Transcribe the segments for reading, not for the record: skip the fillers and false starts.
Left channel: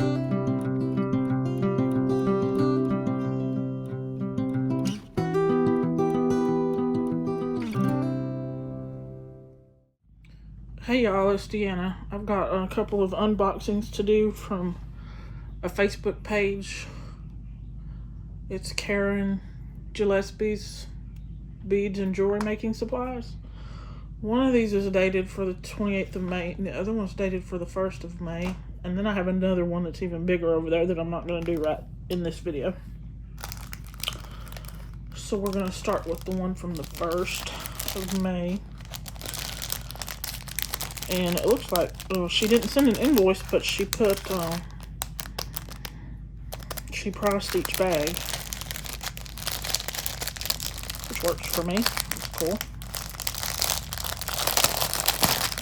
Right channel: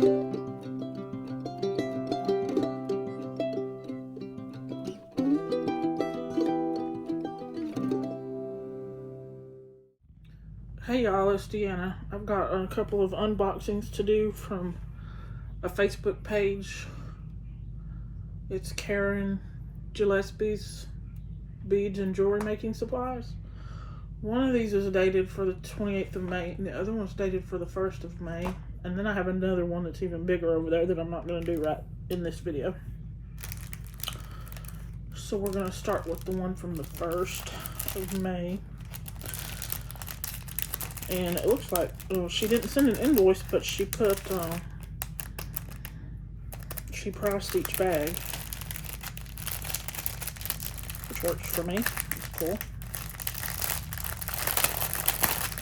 Hey y'all, it's Deanna. I've got a couple of unboxings to do from a Facebook page. It's Karen Gillespie's Beads and Jewelry Making Supplies. One of these is dated for the 28th of May, and the other one's dated for the 1st of May. And then I have another one that's even bigger over there that I'm not going to do right in this video. So we're going to start with the one from the 1st of May. And it looks like, she didn't send an invoice, but she put, she priced each bag, which works for me. It's cool.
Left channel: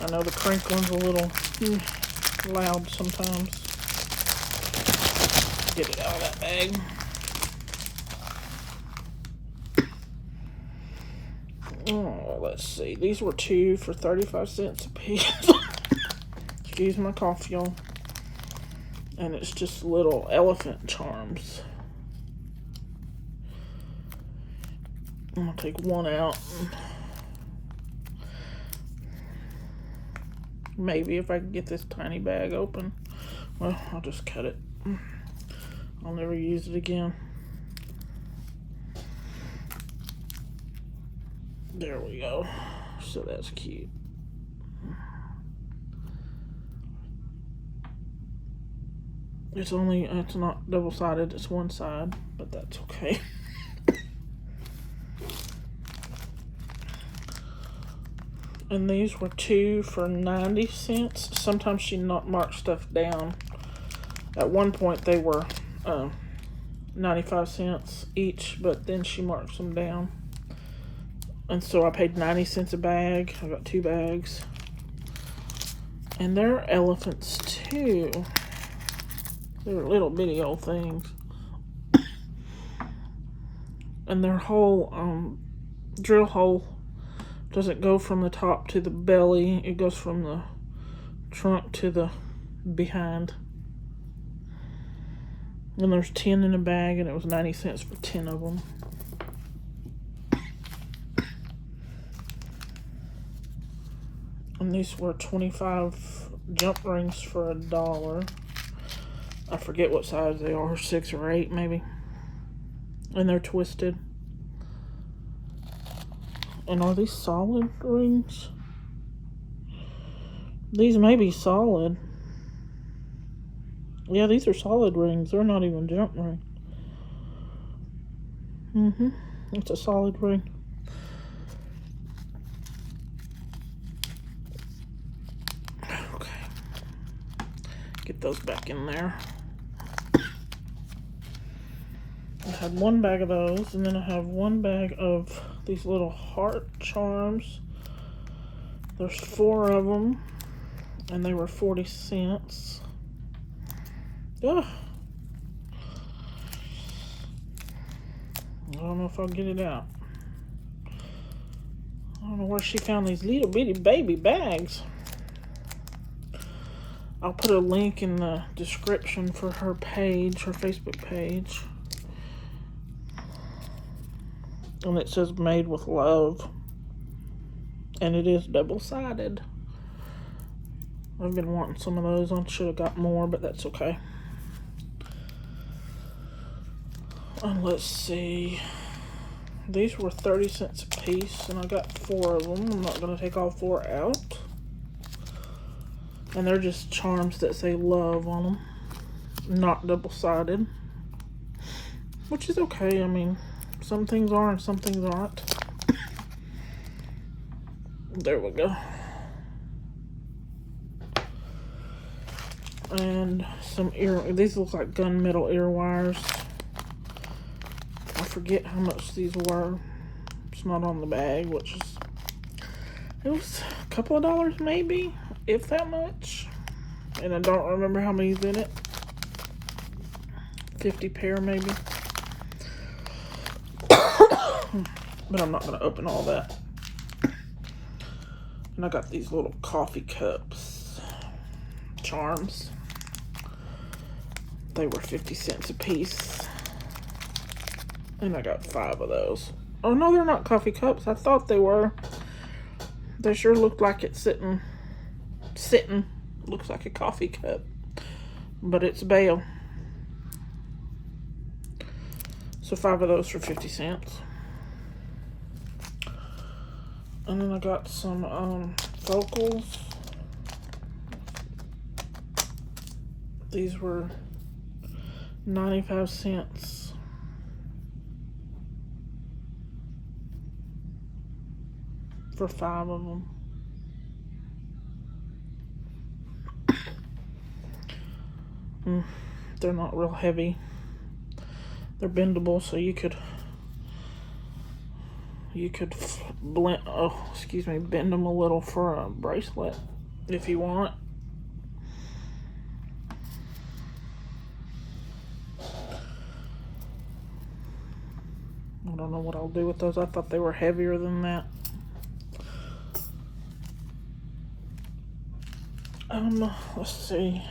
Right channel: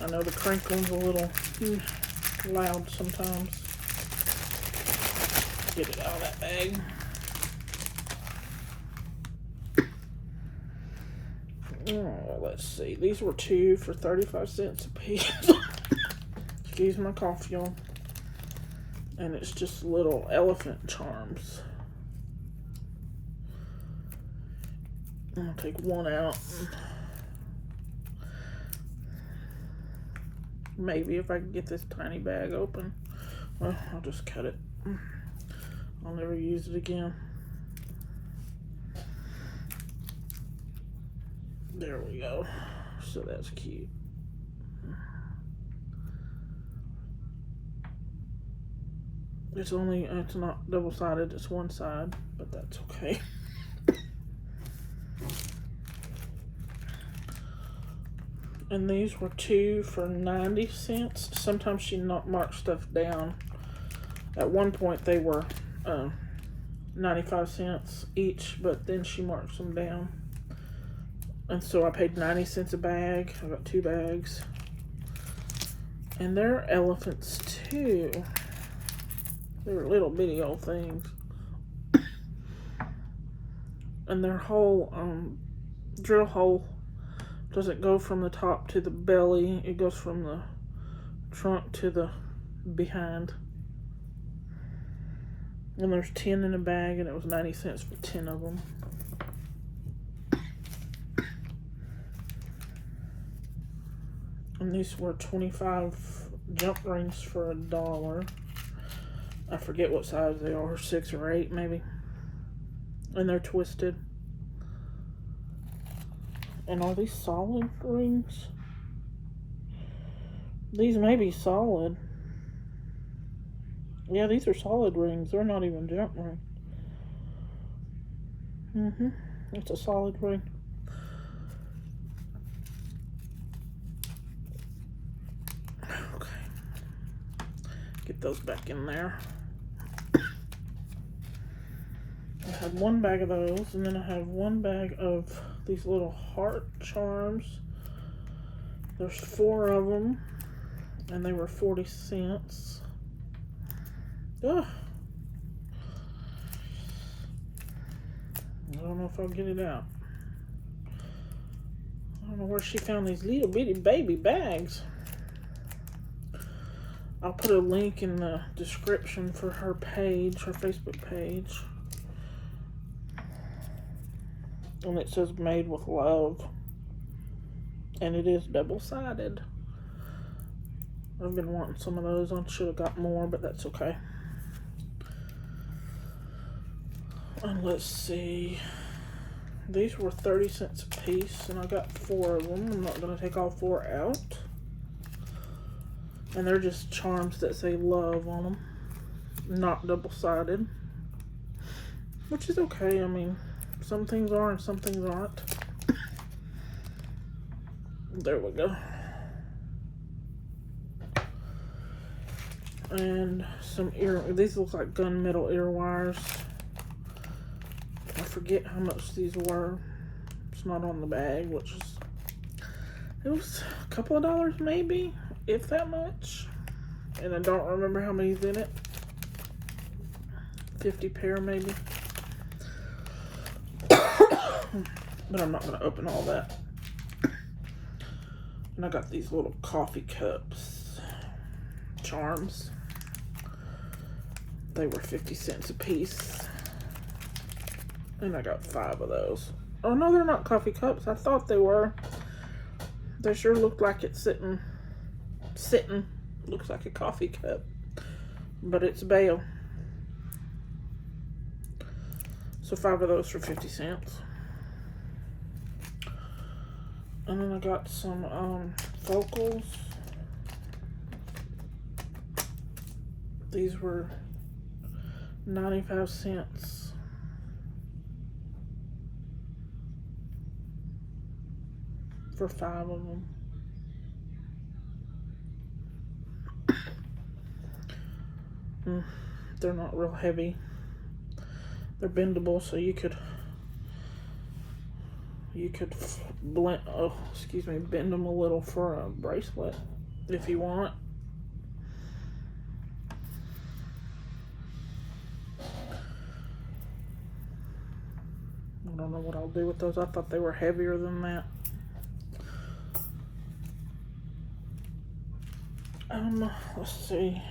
I know the crinkling's a little loud sometimes. Get it out of that bag. Oh, let's see. These were 2 for 35 cents a piece. Excuse my cough, y'all. And it's just little elephant charms. I'm gonna take one out. Maybe if I can get this tiny bag open. Well, I'll just cut it. I'll never use it again. There we go. So that's cute. It's not double-sided, it's one side, but that's okay. And these were 2 for 90 cents. Sometimes she not marked stuff down. At one point they were 95 cents each, but then she marked them down. And so I paid 90 cents a bag. I got 2 bags. And they're elephants too. They're little bitty old things. And their whole drill hole doesn't go from the top to the belly. It goes from the trunk to the behind. And there's 10 in a bag, and it was 90 cents for 10 of them. And these were 25 jump rings for $1. I forget what size they are, 6 or 8 maybe. And they're twisted. And are these solid rings? These may be solid. Yeah, these are solid rings. They're not even jump ring. It's a solid ring. Get those back in there. I have one bag of those, and then I have one bag of these little heart charms. There's 4 of them, and they were 40 cents. Ugh. I don't know if I'll get it out. I don't know where she found these little bitty baby bags. I'll put a link in the description for her page, her Facebook page. And it says made with love. And it is double-sided. I've been wanting some of those. I should have got more, but that's okay. And let's see. These were 30 cents a piece, and I got 4 of them. I'm not going to take all 4 out. And they're just charms that say love on them. Not double-sided. Which is okay. I mean, some things are and some things aren't. There we go. And some these look like gunmetal ear wires. I forget how much these were. It's not on the bag, which is, it was a couple of dollars maybe, if that much. And I don't remember how many's in it. 50 pair maybe. But I'm not going to open all that. And I got these little coffee cups. Charms. they were 50 cents a piece. And I got 5 of those. Oh no, they're not coffee cups. I thought they were. They sure look like it's sitting. Looks like a coffee cup. But it's bail. So 5 of those for 50 cents. And then I got some focals. These were 95 cents. For 5 of them. They're not real heavy. They're bendable, so you could bend them a little for a bracelet if you want. I don't know what I'll do with those. I thought they were heavier than that. Let's see.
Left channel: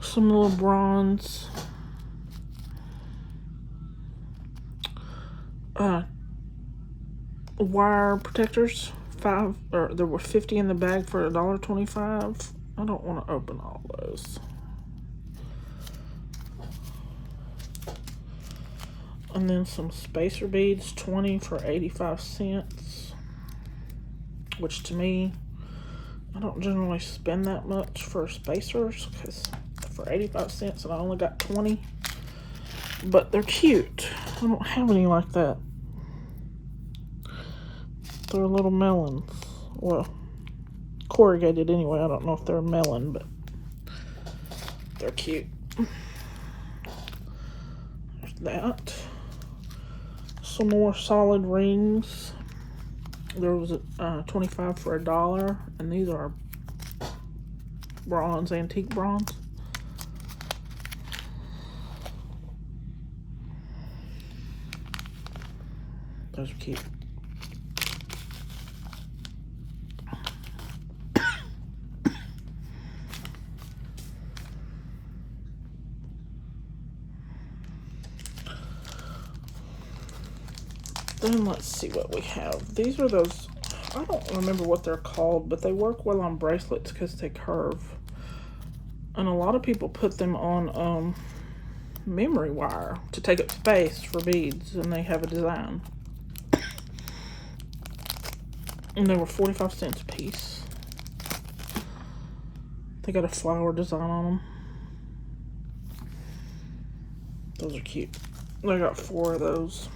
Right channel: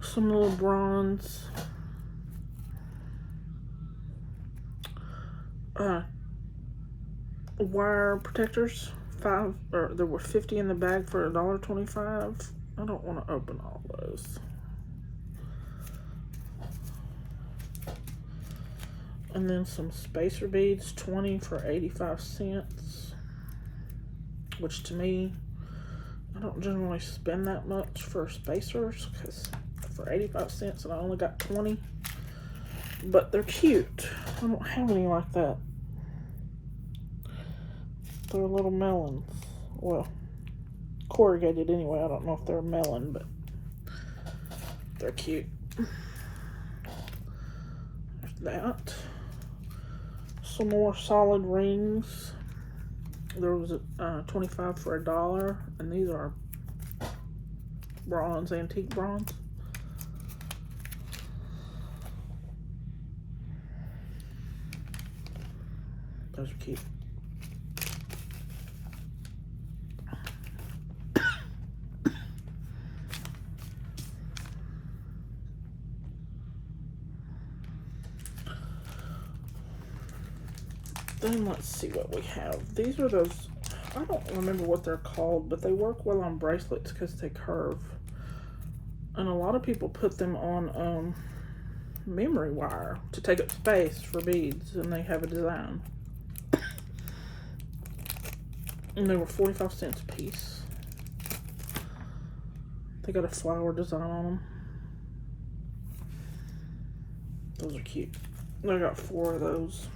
Some little bronze wire protectors. There were 50 in the bag for $1.25. I don't want to open all those. And then some spacer beads, 20 for 85 cents. Which to me, I don't generally spend that much for spacers, because for 85 cents and I only got 20. But they're cute. I don't have any like that. They're little melons. Well, corrugated anyway. I don't know if they're a melon, but they're cute. There's that. Some more solid rings. There was 25 for $1, and these are bronze, antique bronze. Those are cute. Then let's see what we have. These are those, I don't remember what they're called, but they work well on bracelets because they curve. And a lot of people put them on memory wire to take up space for beads, and they have a design. And they were 45 cents a piece. They got a flower design on them. Those are cute. I got 4 of those.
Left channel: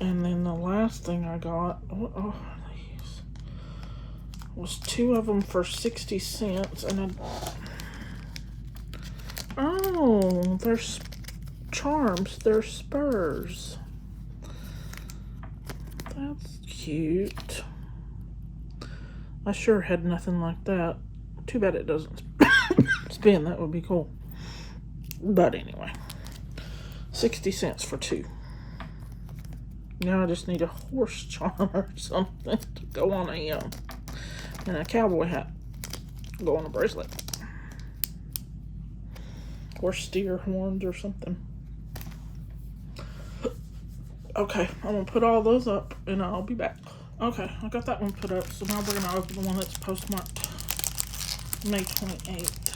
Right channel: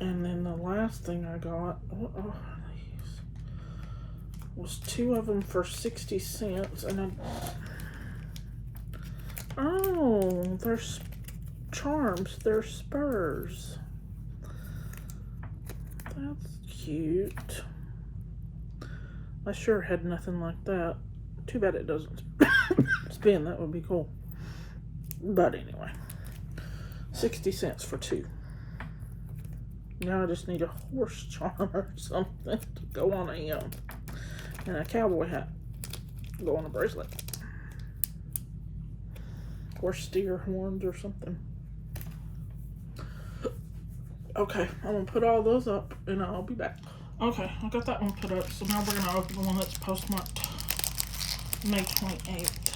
And then the last thing I got, what are these? Was 2 of them for 60 cents. And they're charms. They're Spurs. That's cute. I sure had nothing like that. Too bad it doesn't spin. That would be cool. But anyway, 60 cents for 2. Now I just need a horse charm or something to go on and a cowboy hat. Go on a bracelet. Or steer horns or something. Okay, I'm going to put all those up and I'll be back. Okay, I got that one put up. So now we're going to open the one that's postmarked May 28th.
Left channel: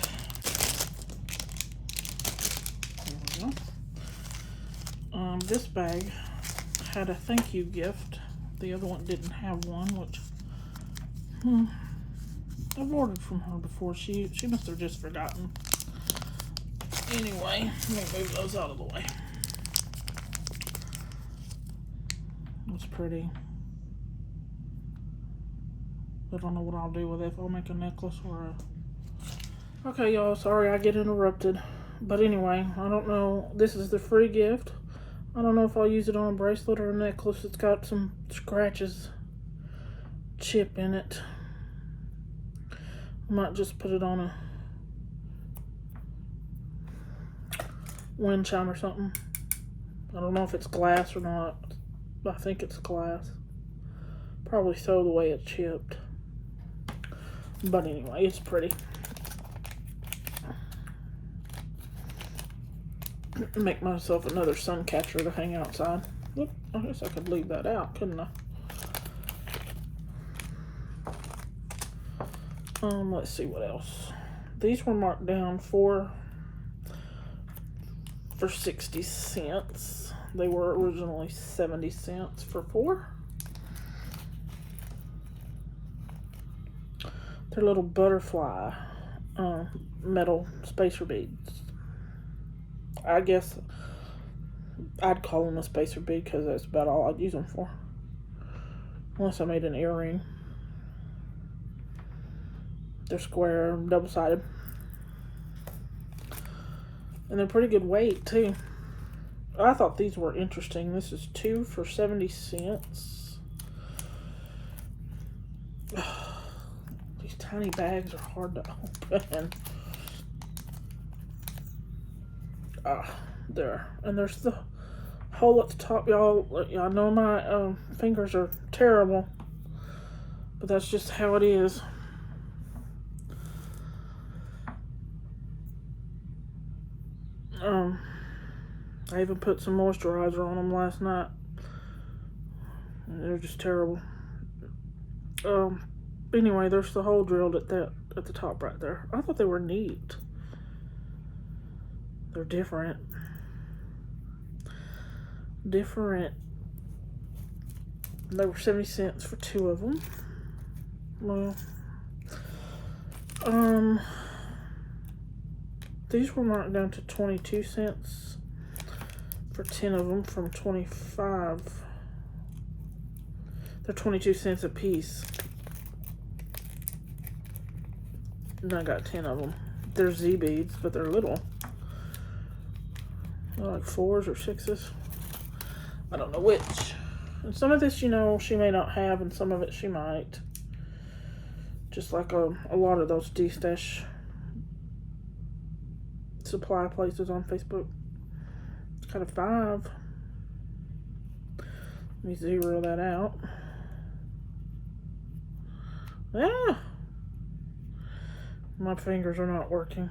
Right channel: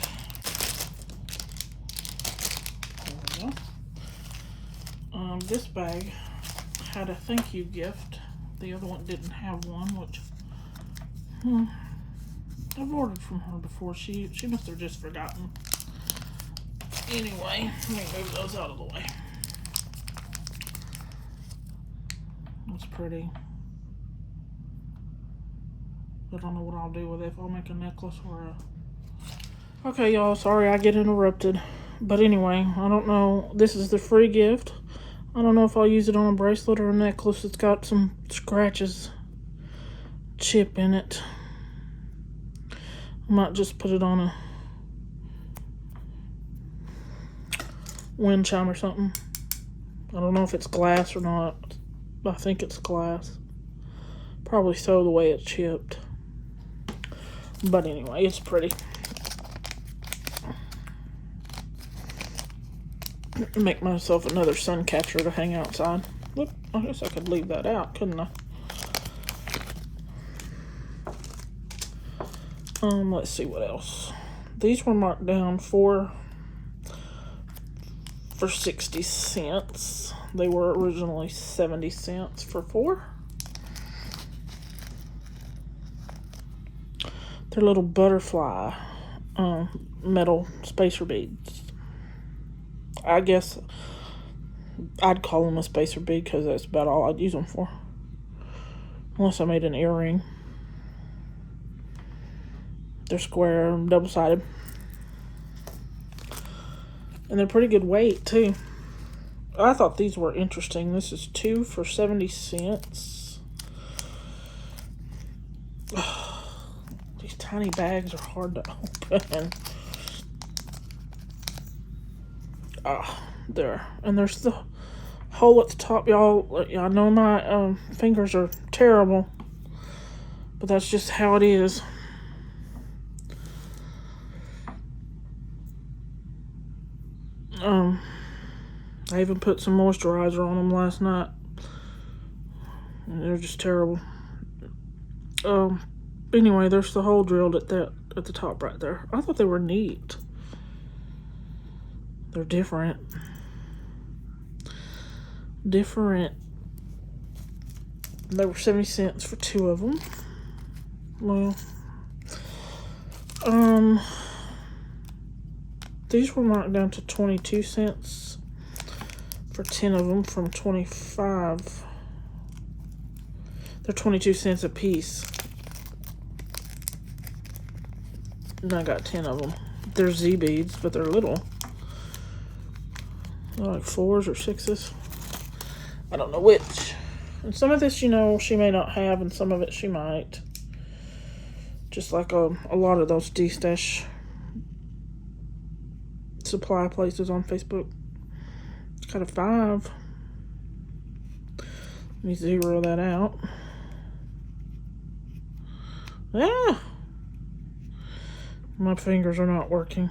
There we go. This bag had a thank you gift. The other one didn't have one, which I've ordered from her before. She must have just forgotten. Anyway, let me move those out of the way. It's pretty. I don't know what I'll do with it. If I'll make a necklace or a... Okay, y'all, sorry I get interrupted. But anyway, I don't know. This is the free gift. I don't know if I'll use it on a bracelet or a necklace. It's got some scratches, chip in it. I might just put it on a wind chime or something. I don't know if it's glass or not. I think it's glass. Probably so, the way it's chipped. But anyway, it's pretty. Make myself another sun catcher to hang outside. Whoop, I guess I could leave that out, couldn't I? Let's see what else. These were marked down for 60 cents. They were originally 70 cents for 4. They're little butterfly metal spacer beads. I guess I'd call them a spacer bead because that's about all I'd use them for. Unless I made an earring. They're square, double-sided. And they're pretty good weight, too. I thought these were interesting. This is 2 for 70 cents. These tiny bags are hard to open. There. And there's the hole at the top, y'all. I know my fingers are terrible, but that's just how it is. I even put some moisturizer on them last night. And they're just terrible. Anyway, there's the hole drilled at the top right there. I thought they were neat. They're different. They were 70 cents for 2 of them. Well, these were marked down to 22 cents for 10 of them from 25. They're 22 cents a piece. And I got 10 of them. They're Z beads, but they're little. They're like 4s or 6s. I don't know which. And some of this, you know, she may not have, and some of it she might. Just like a lot of those D-stash supply places on Facebook. It's got a 5. Let me 0 that out. Ah! My fingers are not working.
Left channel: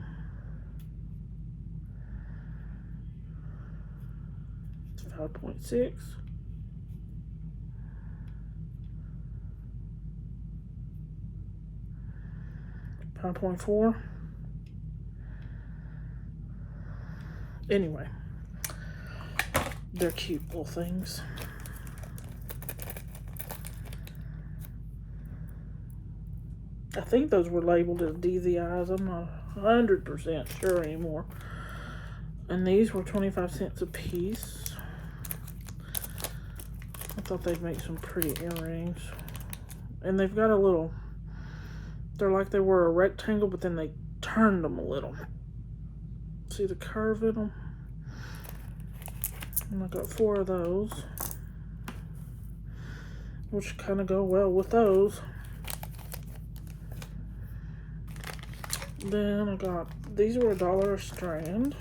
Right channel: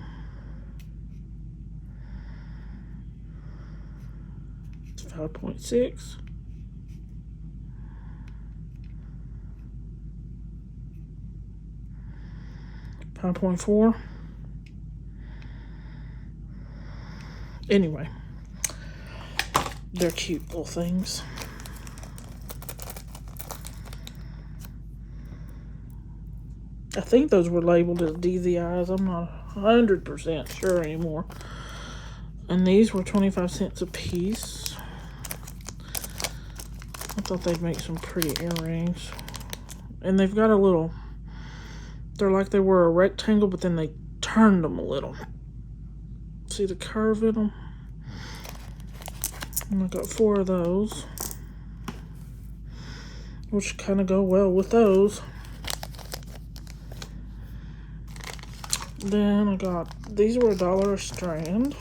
It's 5.6. $5.4. Anyway, they're cute little things. I think those were labeled as DZIs. I'm not 100% sure anymore. And these were 25 cents a piece. I thought they'd make some pretty earrings. And they've got a little, they're like they were a rectangle, but then they turned them a little. See the curve in them? And I got 4 of those, which kind of go well with those. Then I got, these were $1 a strand.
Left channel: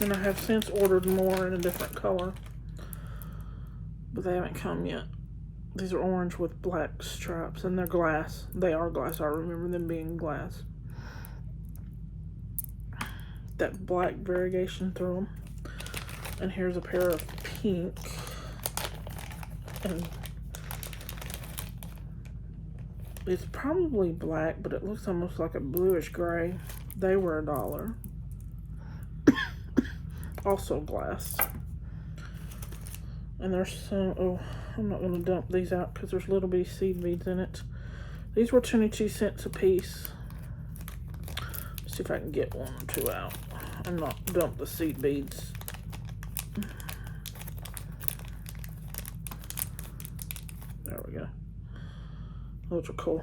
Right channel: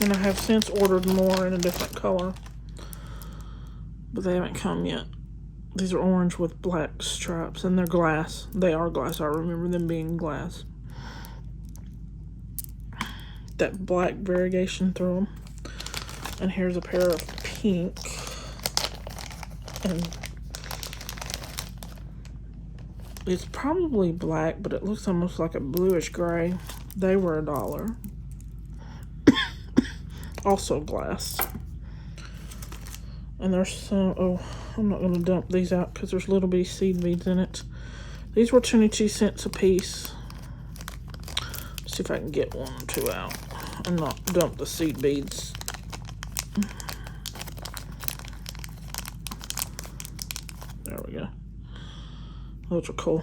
And I have since ordered more in a different color, but they haven't come yet. These are orange with black stripes, and they're glass. They are glass. I remember them being glass. That black variegation through them. And here's a pair of pink. And it's probably black, but it looks almost like a bluish gray. They were $1. Also glass. And there's some, oh, I'm not going to dump these out because there's little bitty seed beads in it. These were 22 cents a piece. Let's see if I can get 1 or 2 out and not dump the seed beads. There we go. Those are cool.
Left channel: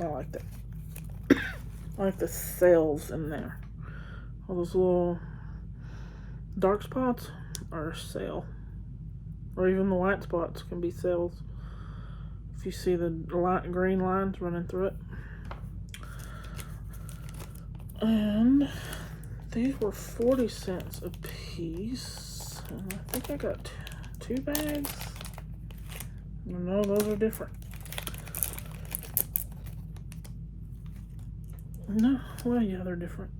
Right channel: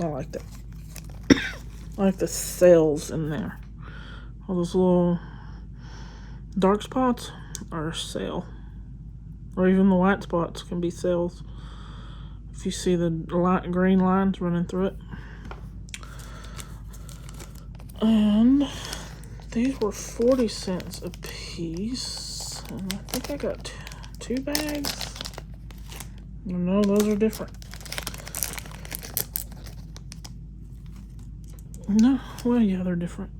I like that. I like the cells in there. All those little dark spots are cell. Or even the white spots can be cells. If you see the light green lines running through it. And these were 40 cents a piece. And I think I got 2 bags. No, those are different. No, well, yeah, they're different.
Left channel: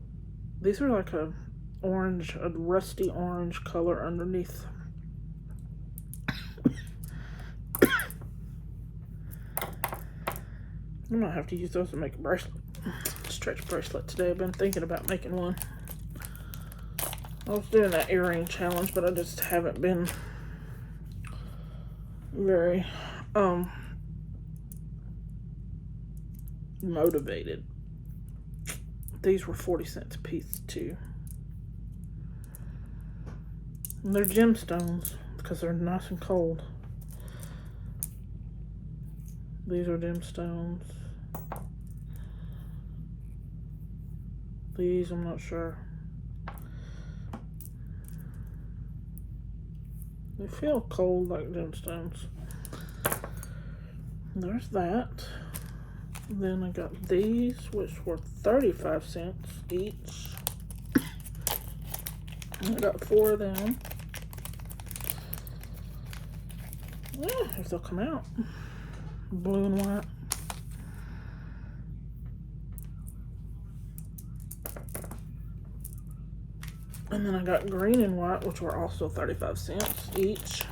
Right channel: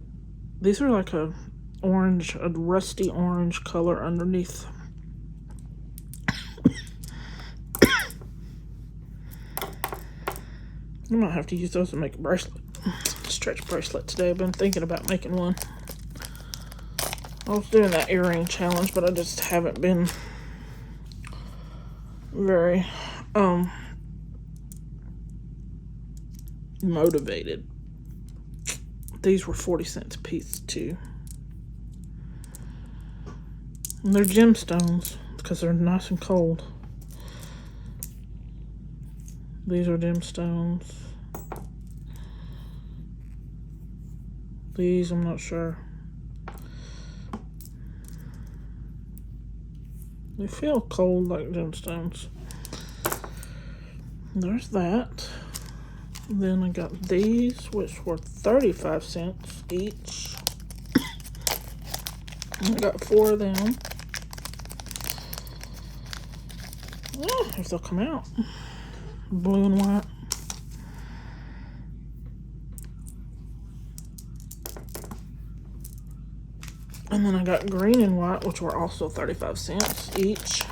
These are like a rusty orange color underneath. I might have to use those to make a bracelet. Stretch bracelet today. I've been thinking about making one. I was doing that earring challenge, but I just haven't been very motivated. These were 40 cents a piece too. And they're gemstones because they're nice and cold. These are gemstones. These, I'm not sure. They feel cold like gemstones. There's that. And then I got these, which were 35 cents each. And I got 4 of them. Yeah, if they'll come out. Blue and white. And then I got green and white, which were also 35 cents each.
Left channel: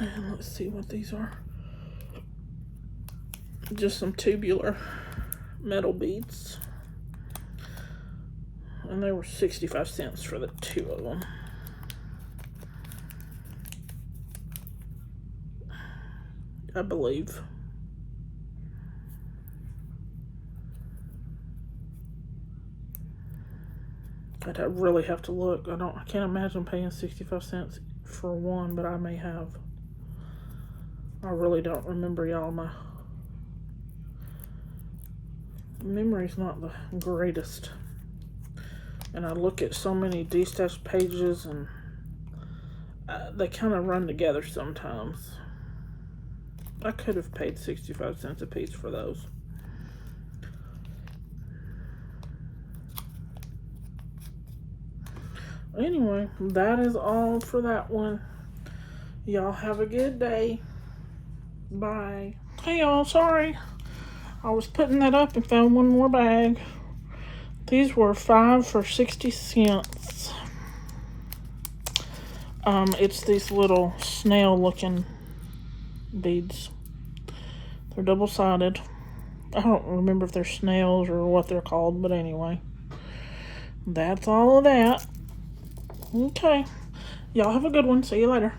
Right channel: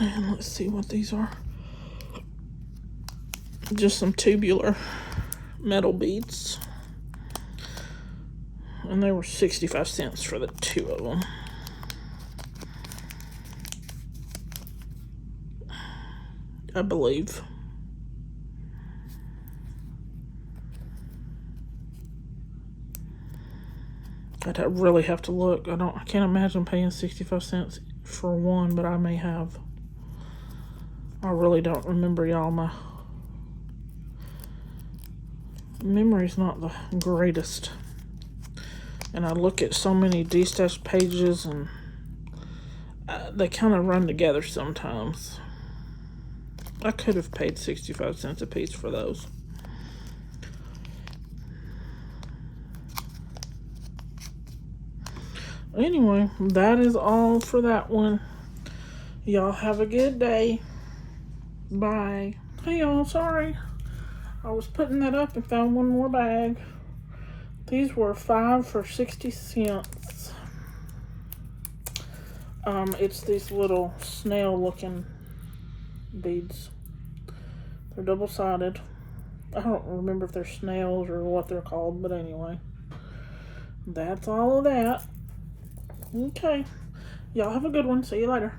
And let's see what these are. Just some tubular metal beads. And they were 65 cents for the 2 of them. I believe. I'd really have to look. I can't imagine paying 65 cents for one, but I may have. I really don't remember, y'all. My memory's not the greatest. And I look at so many DZI pages and they kind of run together sometimes. I could have paid 65 cents a piece for those. Anyway, that is all for that one. Y'all have a good day. Bye. Hey y'all, sorry. I was putting that up and found one more bag. These were 5 for 60 cents. It's these little snail looking beads. They're double-sided. I don't remember if they're snails or what they're called, but anyway. That's all of that. Okay. Y'all have a good one. See you later.